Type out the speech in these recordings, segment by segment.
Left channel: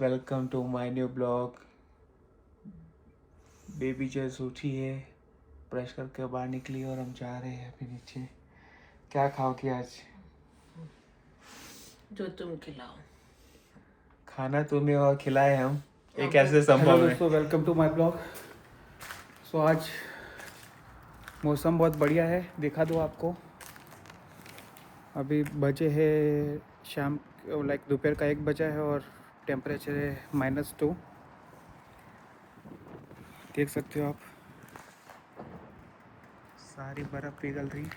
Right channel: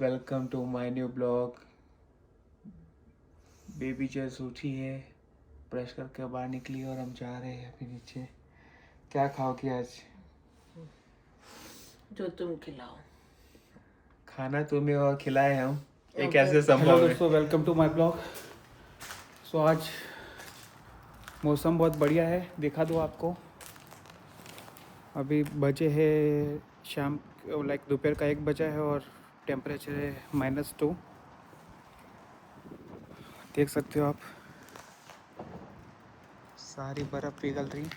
Welcome to my new blog. Baby just उठी है, brush करके बाहर निकली और हम जा रहे हैं अभी नीचे। क्या खाओगी आज? जो तुम खिलाओ। खाना तुम्हें और खिलाए हम, ये Okay. कैसे हेलो संभव है? दोस्तों, वेलकम टू माय ब्लॉग। सो आज मौसम बहुत बढ़िया है, दिखा दो आपको। अभी बजे है शाम, लाइक दोपहर का 1 बजा है और टेम्परेचर है -2। देख सकते हो आप, सारी बर्फ़ पिघल रही।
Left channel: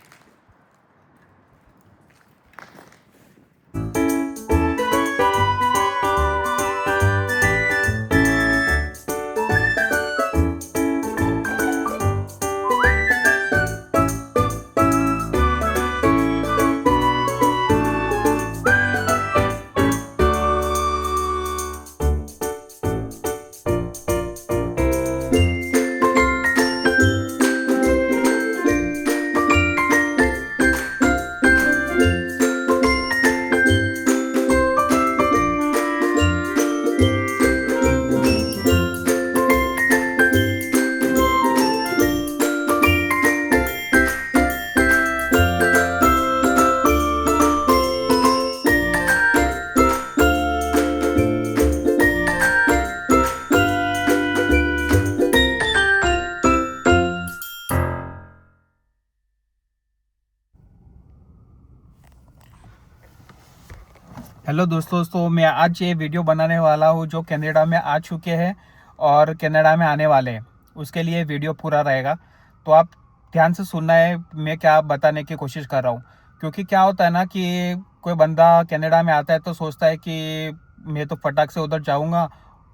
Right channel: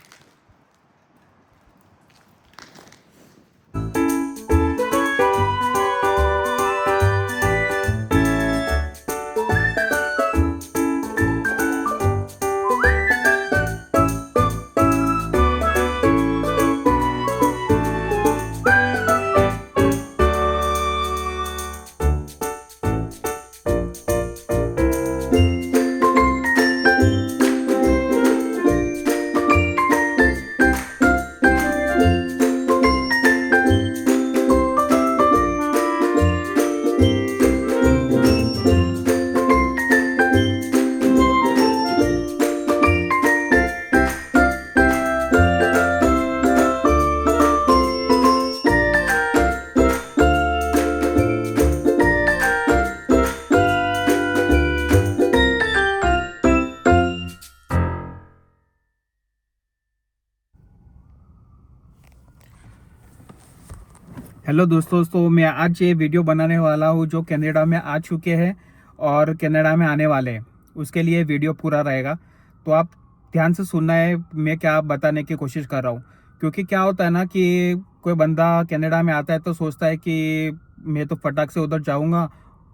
हेलो दोस्तों, मैं आज ये वीडियो बनाने वाला हूँ जो कनाडा में आ चुके हैं और कनाडा में आने वाले हैं। उसके लिए वीडियो पूरा रहेगा, तो आप ध्यान से सुनना है मैं क्या बताने की कोशिश कर रहा हूँ। क्योंकि क्या होता है ना कि कोई बंदा कनाडा में आता है तो सोचता है कि मैं तो फटाक से उधर जाऊँगा।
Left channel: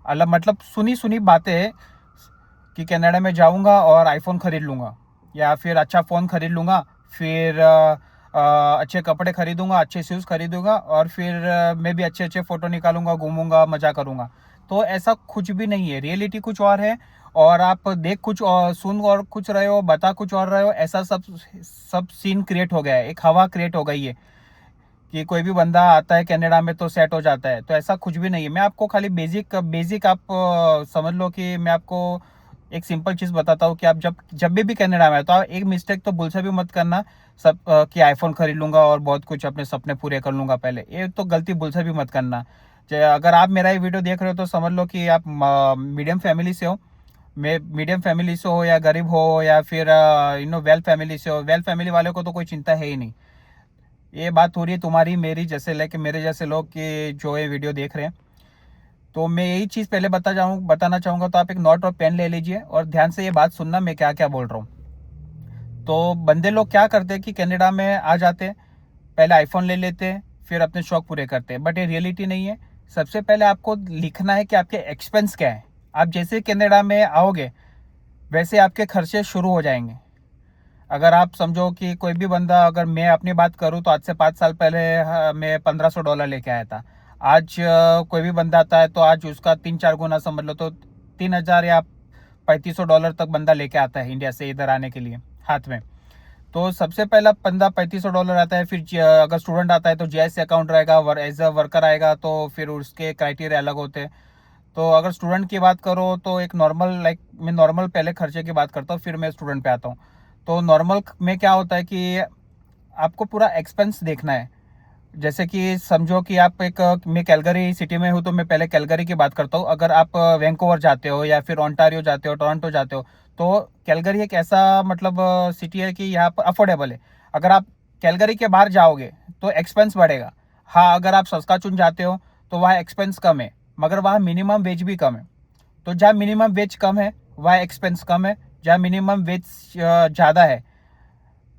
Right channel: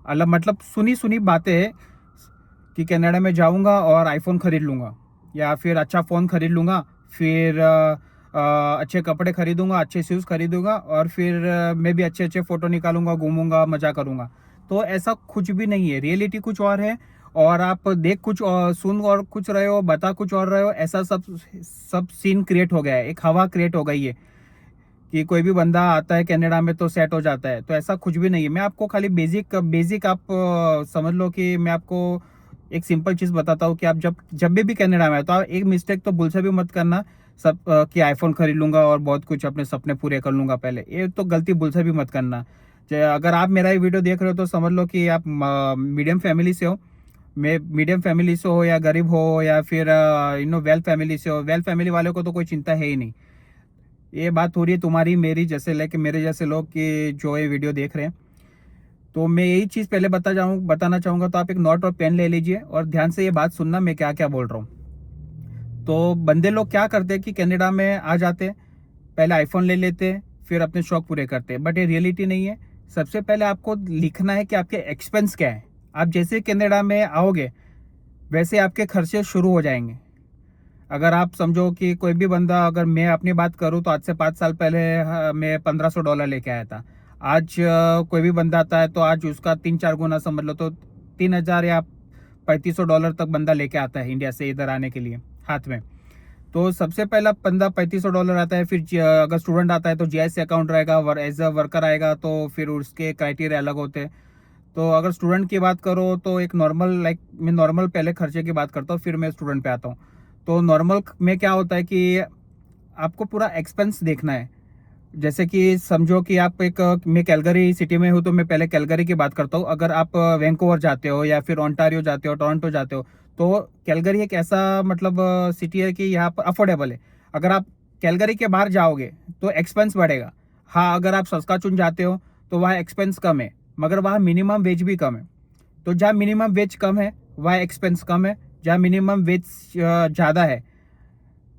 अलग मतलब सुनी सुनी बातें हैं कि कनाडा में जाऊँगा और आईफोन ख़रीद लूँगा या फिर अच्छा फ़ोन ख़रीद लूँगा, फिर अच्छे कपड़े खरीदूंगा, अच्छे शूज़ खरीदूंगा और फिर मैं भी अच्छे अच्छे फ़ोटो निकालूंगा, घूमूंगा, मज़ा करूंगा। तो ऐसा कुछ भी नहीं है, रियलिटी कुछ और है और आप देख कुछ और सुन और कुछ रहे हो, बता कुछ और रहे हो। ऐसा सब सीन क्रिएट हो गया है, एक हवा क्रिएट हो गई है कि कोई भी बंदा आता है कनाडा में तो सेट हो जाता है। तो ऐसा कुछ भी नहीं है। मैं आपको खाली बेसिक आप समझ लो कि मैं आपको एक सिंपल चीज़ बताता हूँ कि आप जब भी कनाडा में आए तो आप एक मिस्टेक तो भूल से भी मत करना सब कि आईफोन खरीद लूंगा और बहुत कुछ अपने सपने पूरे कर लूंगा। पहले ये तो गलती भूल से भी मत करना। अगर आप मेरा ये वीडियो देख रहे हो तो समझ लो कि आप मीडियम फैमिली से हो, मीडियम फैमिली से हो या गरीब हो या फिर वेल फैमिली से हो। वेल फैमिली वालों को तो कोई चिंता है ही नहीं। ये बात हो रही है तुम्हारी मेरी जैसे, लेके मेरे जैसे लोग कि जो ये वीडियो देख रहे हैं। तो मैं यही चीज़ पहले बताना चाहूँगा। तो आप एक नोट और पेन ले लीजिए और ध्यान से ये बात सुनना मैं क्या क्या बोल रहा हूँ। तो बंदे लोग क्या करते हैं कि कनाडा में आ जाते, पहले आईफोन ले लेते, फिर अपने शौक पूरे करते, बट ये रियलिटी नहीं है। सबसे पहले आपको लिखना है कि आपके एक्सपेंस क्या है। आप जैसे कनाडा में आओगे वैसे आपके खर्चे शुरू हो जाएंगे। अगर आप समझो कि कोई भी बंदा, अगर मैं अपनी बात करूं तो आज से 5 साल पहले मैं $1500 लेके आया था। आज कोई भी बंदा आता है तो आज उसका 3-4 गुना समझ लो, तो 3000 या $3500 तक बंदा लेके आता है इंडिया से इधर आने के लिए हाथ में। तो सबसे पहला बंदा $3500 आता है। फिर अगर स्टूडेंट आता है तो जीआईसी अकाउंट रहेगा, एज अ वर्कर आएगा तो फिर उसके क्राइटेरिया अलग होते हैं। तो अगर स्टूडेंट की बात करो तो एक नॉर्मल, मैं नॉर्मल पहले खर्चे की बात करता हूँ फिर मैं स्टूडेंट पे आता हूँ। तो नॉर्मल में क्या होता है कि आपको पूरा एक्सपेंस देखना है। जैसे कि समझो कि आप मैं कैलगरी सिटी में हूँ तो मैं पहले कैलगरी की बात करता हूँ। अगर आप वैंकूवर जाते हो या फिर ओंटारियो जाते हो, टोरंटो जाते हो, तो कैलगरी एक ऐसा मतलब सिटी है कि यहाँ पर अफोर्डेबल है। अगर आप कैलगरी के बाहर जाओगे तो एक्सपेंस बढ़ेगा। हाँ, अगर आप सस्काचून जाते हो तो वहाँ एक्सपेंस कम है, मगर वहाँ मिनिमम वेज भी कम है। तो जहाँ मिनिमम वेज कम है वहाँ एक्सपेंस कम है, जहाँ मिनिमम वेज ज़्यादा है।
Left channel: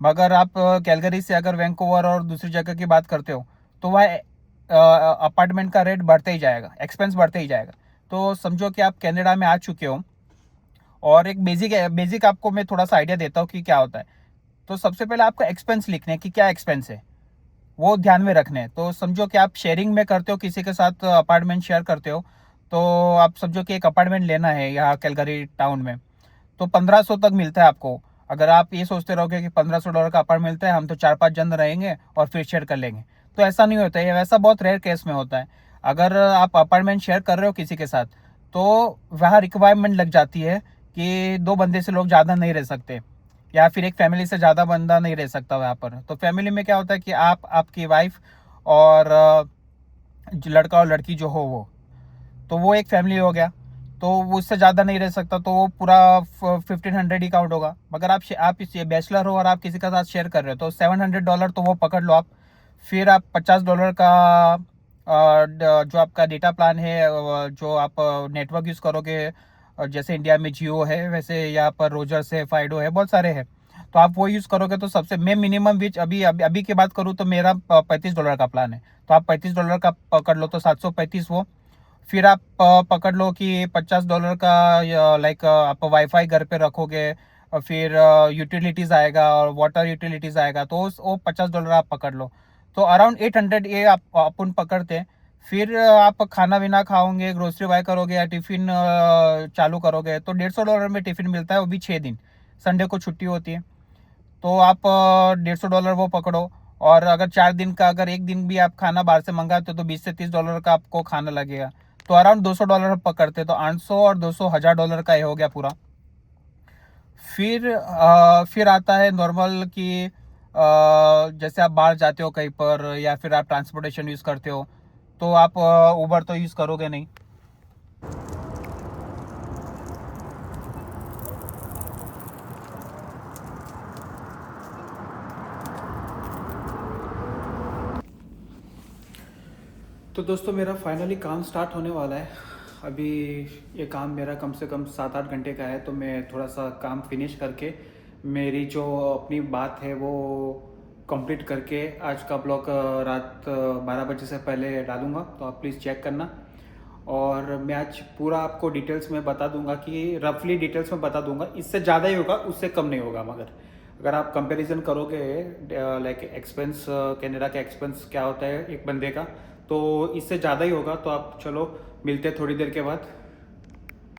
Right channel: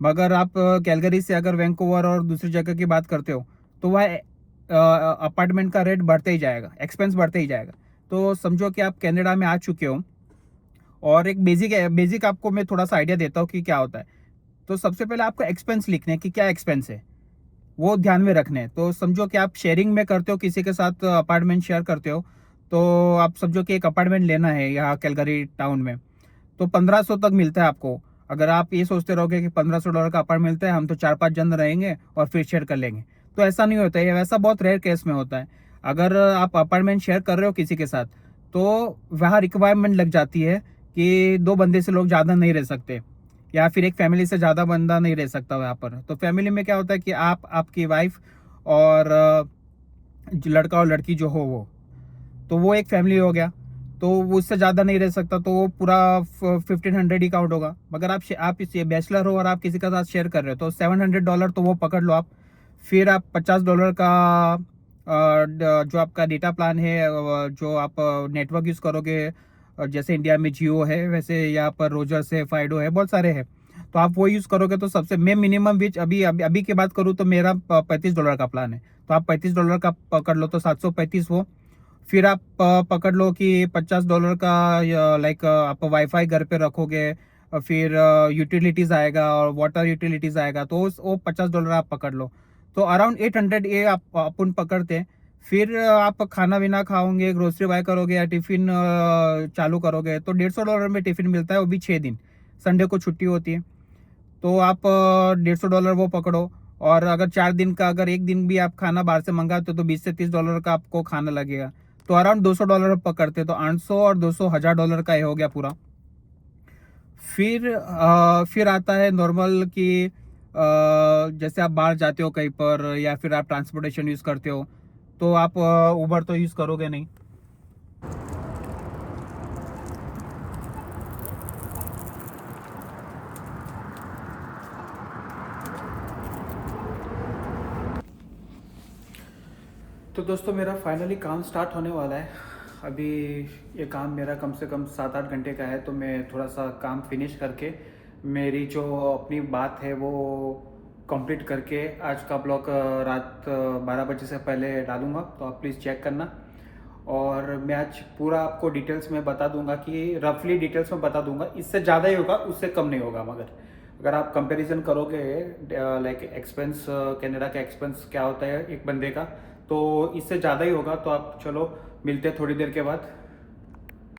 मगर आप कैलगरी से अगर वैंकूवर और दूसरी जगह की बात करते हो तो वह अपार्टमेंट का रेट बढ़ते ही जाएगा, एक्सपेंस बढ़ते ही जाएगा। तो समझो कि आप कनाडा में आ चुके हो और एक बेसिक आपको मैं थोड़ा सा आइडिया देता हूँ कि क्या होता है। तो सबसे पहले आपको एक्सपेंस लिखने कि क्या एक्सपेंस है वो ध्यान में रखने हैं। तो समझो कि आप शेयरिंग में करते हो, किसी के साथ अपार्टमेंट शेयर करते हो। तो आप समझो कि एक अपार्टमेंट लेना है यहाँ कैलगरी टाउन में, तो 1500 तक मिलता है आपको। अगर आप ये सोचते रहोगे कि $1500 का अपार्टमेंट मिलता है, हम तो 4-5 जन रहेंगे और फिर शेयर कर लेंगे, तो ऐसा नहीं होता है। वैसा बहुत रेयर केस में होता है। अगर आप अपार्टमेंट शेयर कर रहे हो किसी के साथ, तो वहाँ रिक्वायरमेंट लग जाती है कि 2 बंदे से लोग ज़्यादा नहीं रह सकते, या फिर एक फैमिली से ज़्यादा बंदा नहीं रह सकता वहाँ पर। तो फैमिली में क्या होता है कि आप, आपकी वाइफ और जो लड़का और लड़की जो हो वो, तो वो एक फैमिली हो गया। तो वो उससे ज़्यादा नहीं रह सकता, तो वो पूरा 1500 ही काउंट होगा। मगर आप इस बैचलर हो और आप किसी के साथ शेयर कर रहे हो, तो $700 तो वो पकड़ लो आप। फिर आप $50 का जो आपका डेटा प्लान है, जो आप नेटवर्क यूज़ करोगे, जैसे इंडिया में जियो है, वैसे यहाँ पर रोजर्स है, फाइडो है, बहुत सारे हैं। तो आप वो यूज़ करोगे तो सबसे मैं मिनिमम विच अभी की बात करूँ तो मेरा $35 का प्लान है। तो आप $35 का पकड़ लो, तो 735 वो। फिर आप पकड़ लो कि $50 का लाइक आप वाईफाई घर पे रखोगे, फिर यूटिलिटीज आएगा और वाटर यूटिलिटीज आएगा, तो वो $50 आप पकड़ लो। तो अराउंड 800 ये आप अपन पकड़ते हैं। फिर आप खाना वाना खाओगे, ग्रोसरी बाय करोगे या टिफिन चालू करोगे, तो $150 में टिफिन मिलता है, वो भी 6 दिन। संडे को छुट्टी होती है। तो आप $150 वो पकड़ो। और अगर 4 दिन का, अगर एक दिन भी आप खाना बाहर से मंगाते हो तो $20 से $30 का आपको खाना लगेगा। तो अराउंड $200 पकड़ते, तो 800 और 200 $1000 का ये हो गया पूरा। फिर आता है नॉर्मल कि जैसे आप बाहर जाते हो कहीं पर, या फिर आप ट्रांसपोर्टेशन यूज़ करते हो, तो आप उबर तो यूज़ करोगे नहीं। तो दोस्तों मेरा फाइनली काम स्टार्ट होने वाला है। अभी ये काम मेरा कम से कम 7-8 घंटे का है, तो मैं थोड़ा सा काम फिनिश करके मेरी जो अपनी बात है वो कंप्लीट करके आज का ब्लॉग रात 12 बजे से पहले डालूँगा। तो आप प्लीज़ चेक करना। और मैं आज पूरा आपको डिटेल्स में बता दूंगा, कि रफली डिटेल्स में बता दूंगा। इससे ज़्यादा ही होगा, उससे कम नहीं होगा। मगर अगर आप कंपैरिजन करोगे लाइक एक्सपेंस, कनाडा का एक्सपेंस क्या होता है एक बंदे का, तो इससे ज़्यादा ही होगा। तो आप चलो मिलते हैं थोड़ी देर के बाद।